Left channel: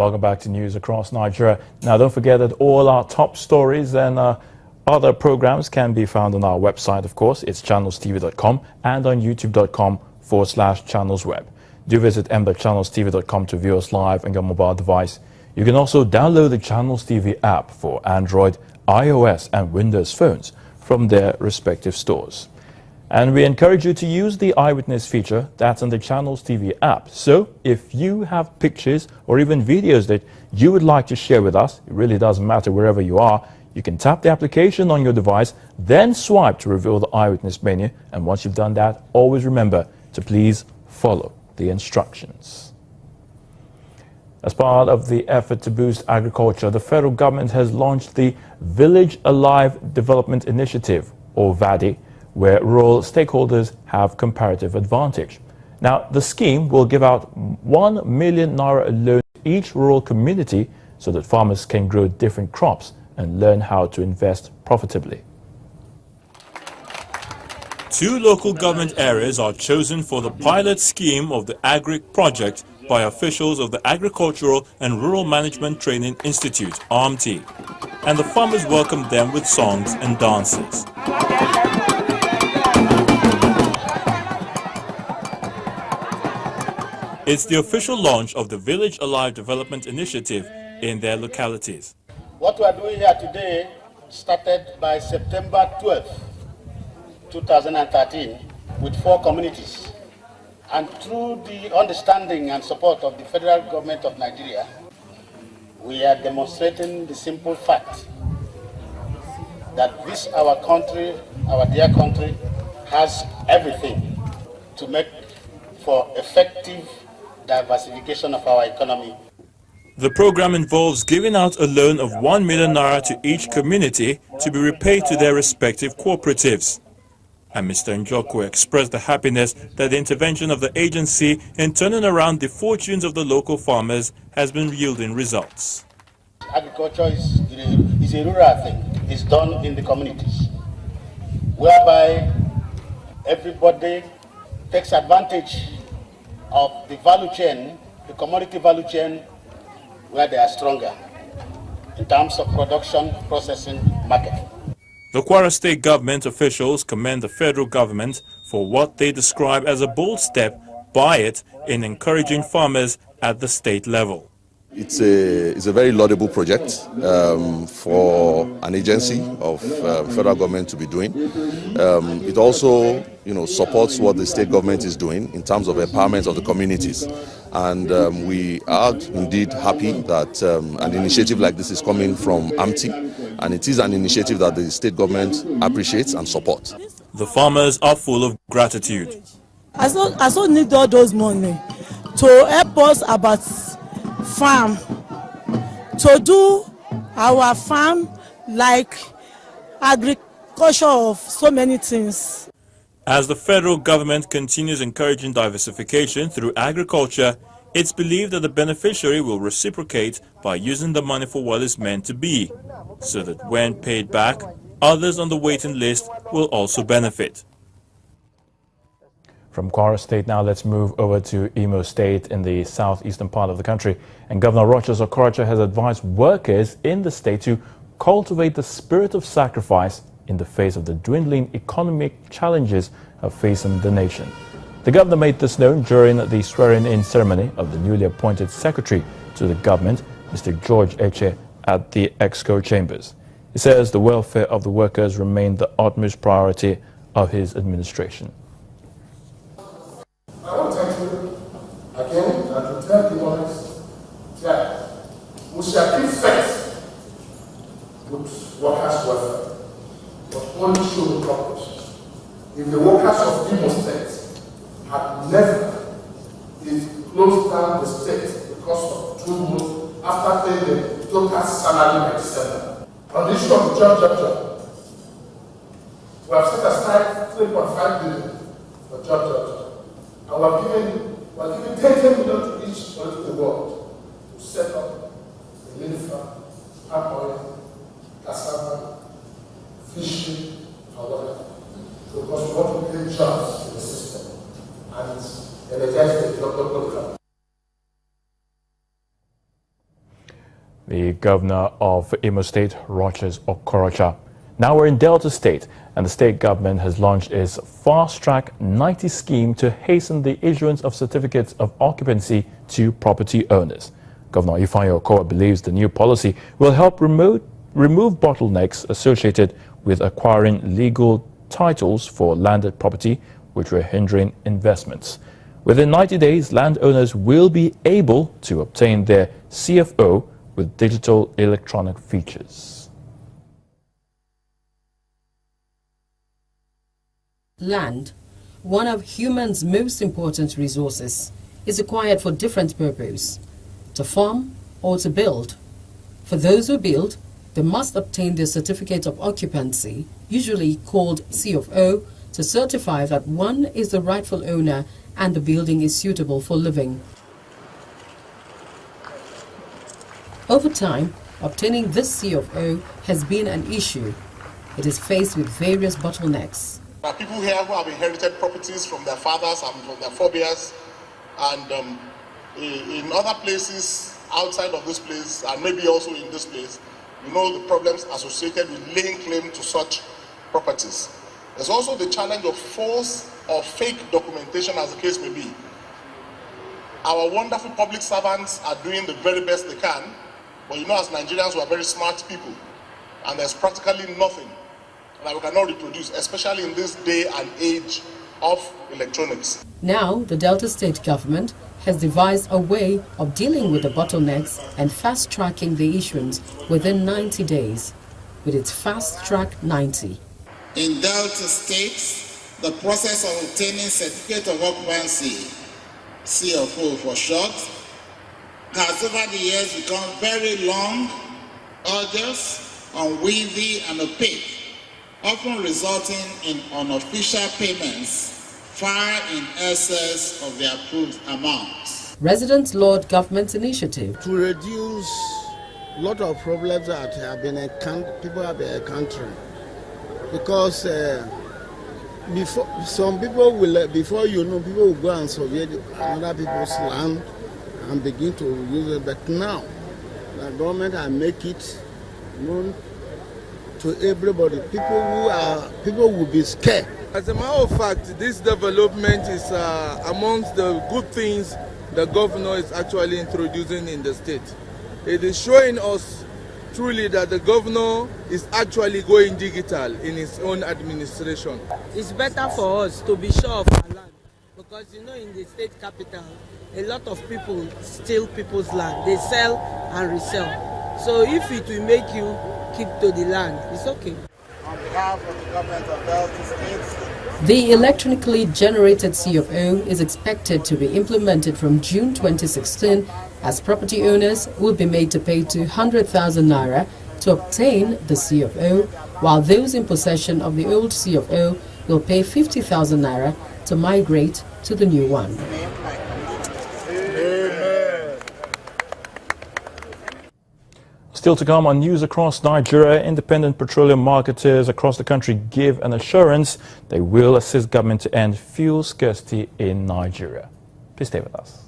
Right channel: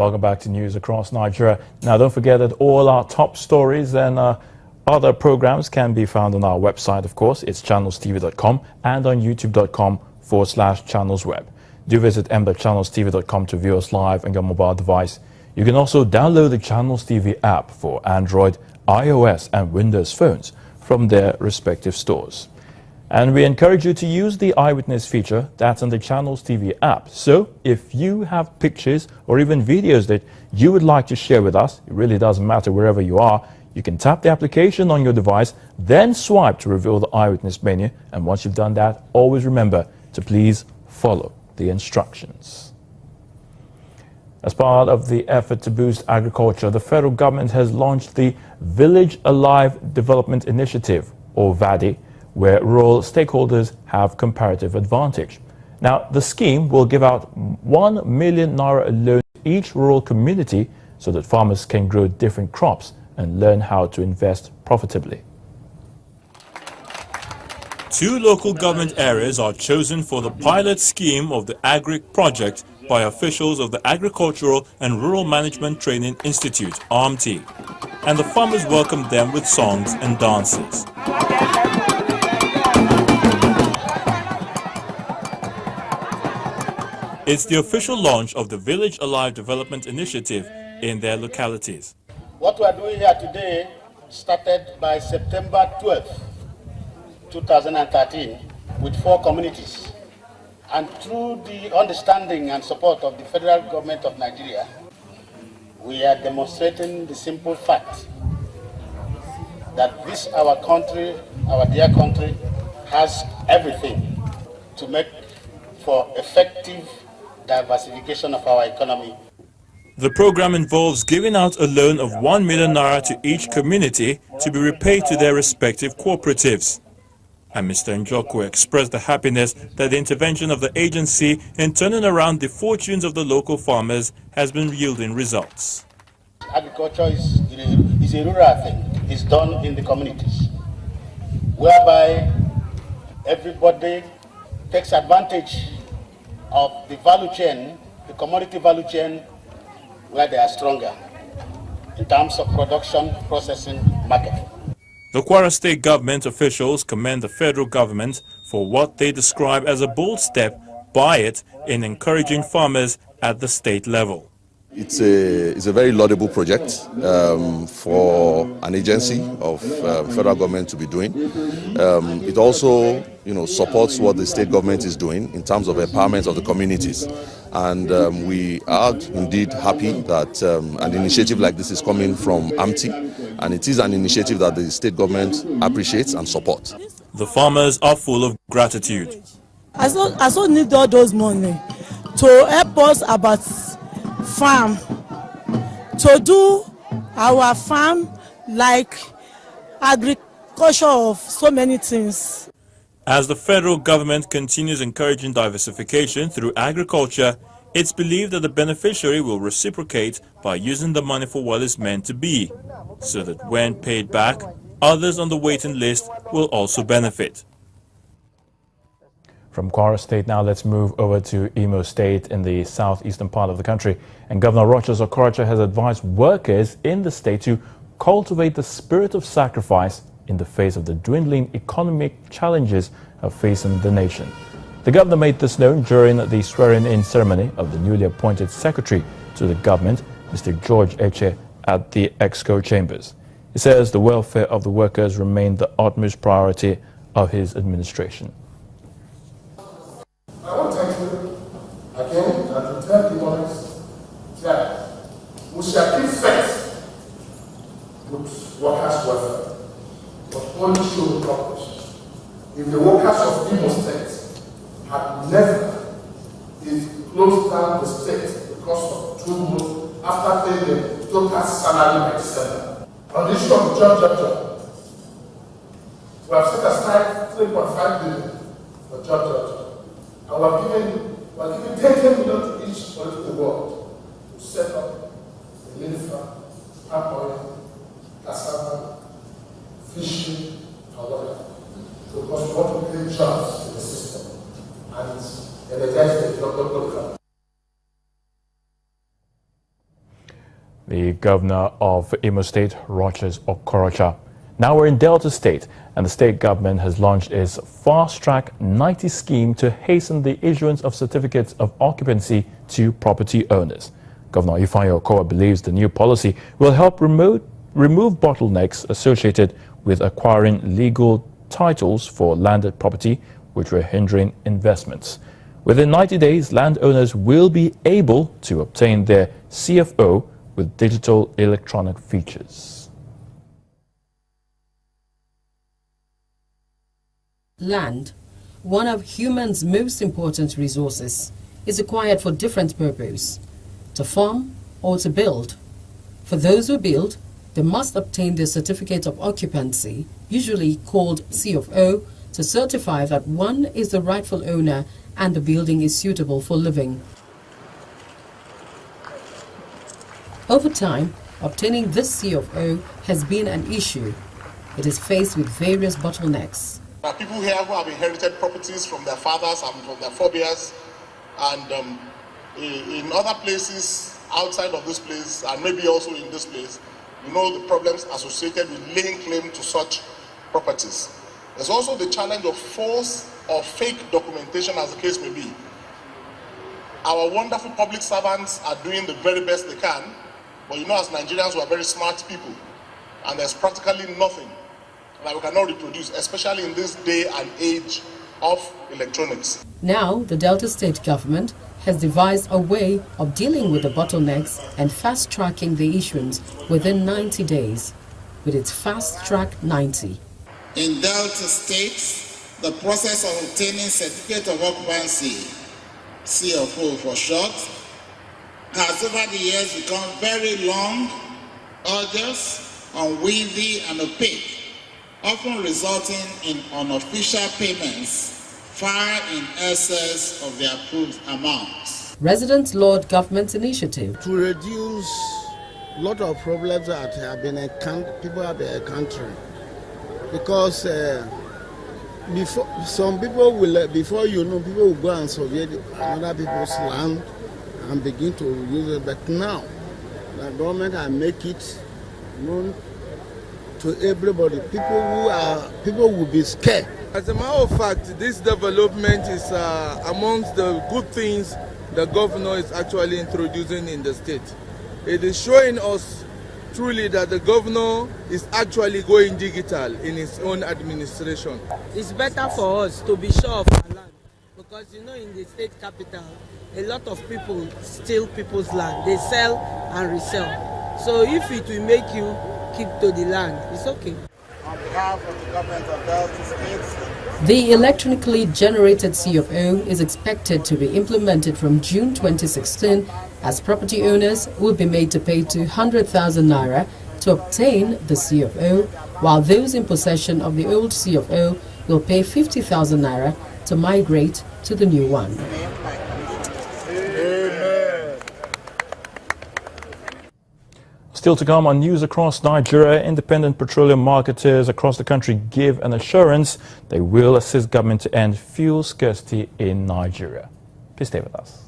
Welcome back to News Across Nigeria. Now, don't forget that all our top stories and other programs can be found on our website, of course. It's channelstv.com and on youtube.com/channelsweb. Do visit m.channelstv.com to view us live on your mobile device. You can also download the Channels TV app for Android, iOS and Windows phones from their respective stores. And we encourage you to use the eyewitness feature that's on the Channels TV app. So if you have pictures or even videos that you would like to share with us, it really doesn't matter wherever you are, you can tap the application on your device, then swipe to reveal the eyewitness menu. And once you've done that, always remember to please follow the instructions. As part of the effort to boost agriculture, the federal government has launched the Village Alive Development Initiative, or VADI, where rural stakeholders have comparative advantage. Now, the scheme will give out 1 million naira loan to each rural community so that farmers can grow different crops and learn how to invest profitably. 2 local government areas are chosen for the pilot scheme of the Agric project by officials of the Agricultural and Rural Management Training Institute, ARMT, and the farmers welcomed them with songs and dances. It's the official launch of the Village Alive Development Initiative in their localities. What we are doing here today started by September 12th, 2013, with 4 communities. And through the understanding and support of the federal government of Nigeria, we are demonstrating the simple fact that this, our country, our dear country, has everything to make for effective diversification of our economy. The program involves giving out a loan of 1 million naira to each community to be repaid to their respective cooperatives. And Mr. Njoku expressed the happiness that the intervention of the agency in turning around the fortunes of the local farmers has been yielding results. Agriculture is a rural thing. It's done in the communities, whereby everybody takes advantage of the value chain, the commodity value chain, where they are stronger in terms of production, processing, marketing. The Kwara State government officials commend the federal government for what they describe as a bold step by it in encouraging farmers at the state level. It's a very laudable project for an agency of federal government to be doing. It also, supports what the state government is doing in terms of empowerment of the communities. And we are indeed happy that an initiative like this is coming from AMTI, and it is an initiative that the state government appreciates and supports. The farmers are full of gratitude. I also need all those money to help us about farm, to do our farm like agriculture of so many things. As the federal government continues encouraging diversification through agriculture, it's believed that the beneficiary will reciprocate by using the money for what it's meant to be, so that when paid back, others on the waiting list will also benefit. From Kwara State now, let's move over to Imo State in the southeastern part of the country. And Governor Rochas Okorocha has advised workers in the state to cultivate the spirit of sacrifice in the face of the dwindling economic challenges facing the nation. The governor made this known during the swearing-in ceremony of the newly appointed secretary to the government, Mr. George Eche, at the Exco Chambers. He says the welfare of the workers remained the utmost priority of his administration. I want to thank you again and to tell the others that we shall keep faith with workers' welfare, but only show the purpose. If the workers of Imo State had never closed down the state because of 2 months after paying the total salary by December, on the issue of job, we have set aside 3.5 billion for job. And we're giving 10 million to each political world to set up a military, palm oil, cassava, fishing, or whatever. Because we want to create jobs in the system and energize the local program. the governor of Imo State, Rochas Okorocha. Now we're in Delta State, and the state government has launched its Fast Track 90 scheme to hasten the issuance of certificates of occupancy to property owners. Governor Ifeanyi Okowa believes the new policy will help remove bottlenecks associated with acquiring legal titles for landed property, which were hindering investments. Within 90 days, landowners will be able to obtain their CFO with digital electronic features. Land, one of humans' most important resources, is acquired for different purposes, to farm or to build. For those who build, they must obtain their certificate of occupancy, usually called CFO, to certify that one is the rightful owner and the building is suitable for living. Over time, obtaining this CFO has been an issue. It is faced with various bottlenecks. There are people here who have inherited properties from their fathers and from their forebears, and in other places outside of this place, and maybe also in this place, you know the problems associated with laying claim to such properties. There's also the challenge of false or fake documentation, as the case may be. Our wonderful public servants are doing the very best they can, but you know, as Nigerians, we are very smart people, and there's practically nothing that we cannot reproduce, especially in this day and age of electronics. Now, the Delta State government has devised a way of dealing with the bottlenecks and fast-tracking the issuance within 90 days with its Fast Track 90. In Delta State, the process of obtaining certificate of occupancy, CFO for short, has over the years become very long, arduous, unwieldy, and opaque, often resulting in unofficial payments far in excess of the approved amounts. Residents laud government's initiative to reduce a lot of problems that have been people have been encountering, because before some people will, before you know, people will go and survey other people's land and begin to use it. But now the government will make it known to everybody. People will be scared. As a matter of fact, this development is amongst the good things the governor is actually introducing in the state. It is showing us truly that the governor is actually going digital in his own administration. It's better for us to be sure of our land, because you know, in the state capital, a lot of people steal people's land. They sell and resell. So if it will make you keep to the land, it's okay. On behalf of the government of Delta State, the electronically generated CFO is expected to be implemented from June 2016, as property owners will be made to pay 200,000 naira to obtain the CFO, while those in possession of the old CFO will pay 50,000 naira to migrate to the new one. Still to come on News Across Nigeria, independent petroleum marketers across the country give an assurance they will assist government to end fuel scarcity in Nigeria. Please stay with us.